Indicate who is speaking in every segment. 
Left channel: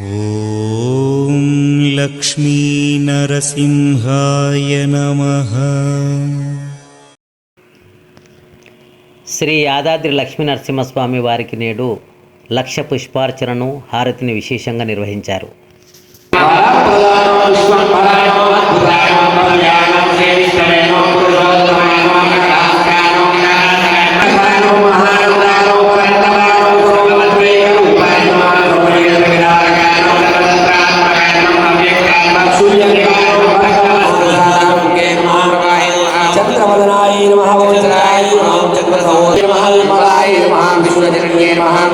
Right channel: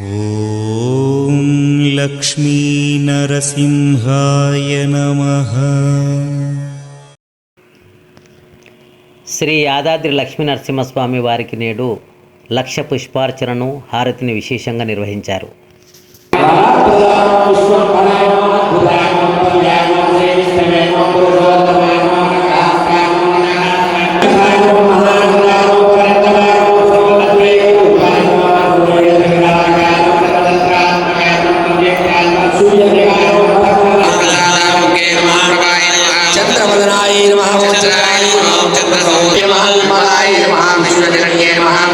Speaker 1: ॐ लक्ष्मीनरसिंहाय नमः
Speaker 2: శ్రీ యాదాద్రి లక్ష్మీ నరసింహస్వామి వారికి నేడు లక్ష పుష్పార్చనను హారతిని విశేషంగా నిర్వహించారు
Speaker 3: పుష్పం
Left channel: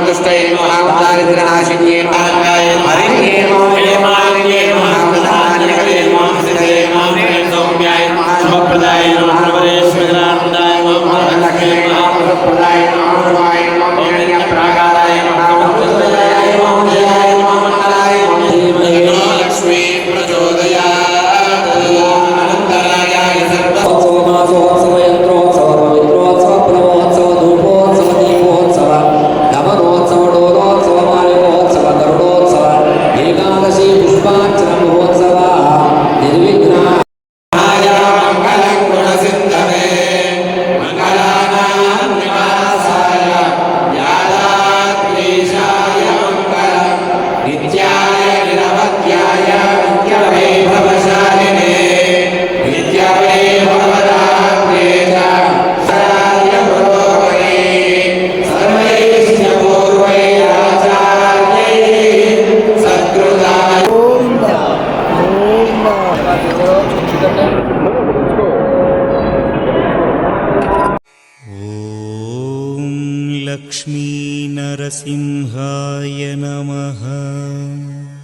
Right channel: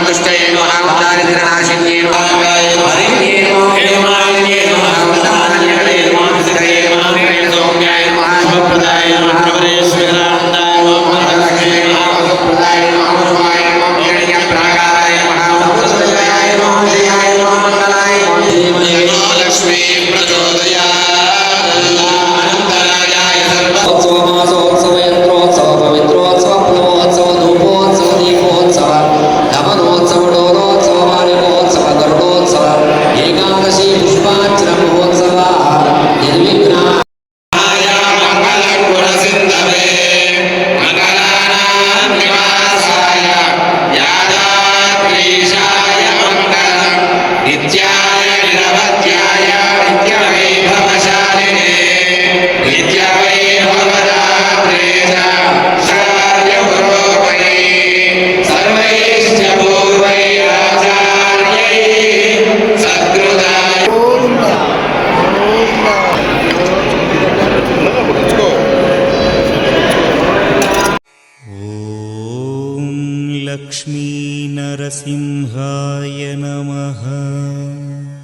Speaker 3: दुष्टैः दारिद्र्यनाशिन्ये लक्ष्मीनरसिंहाय नमः।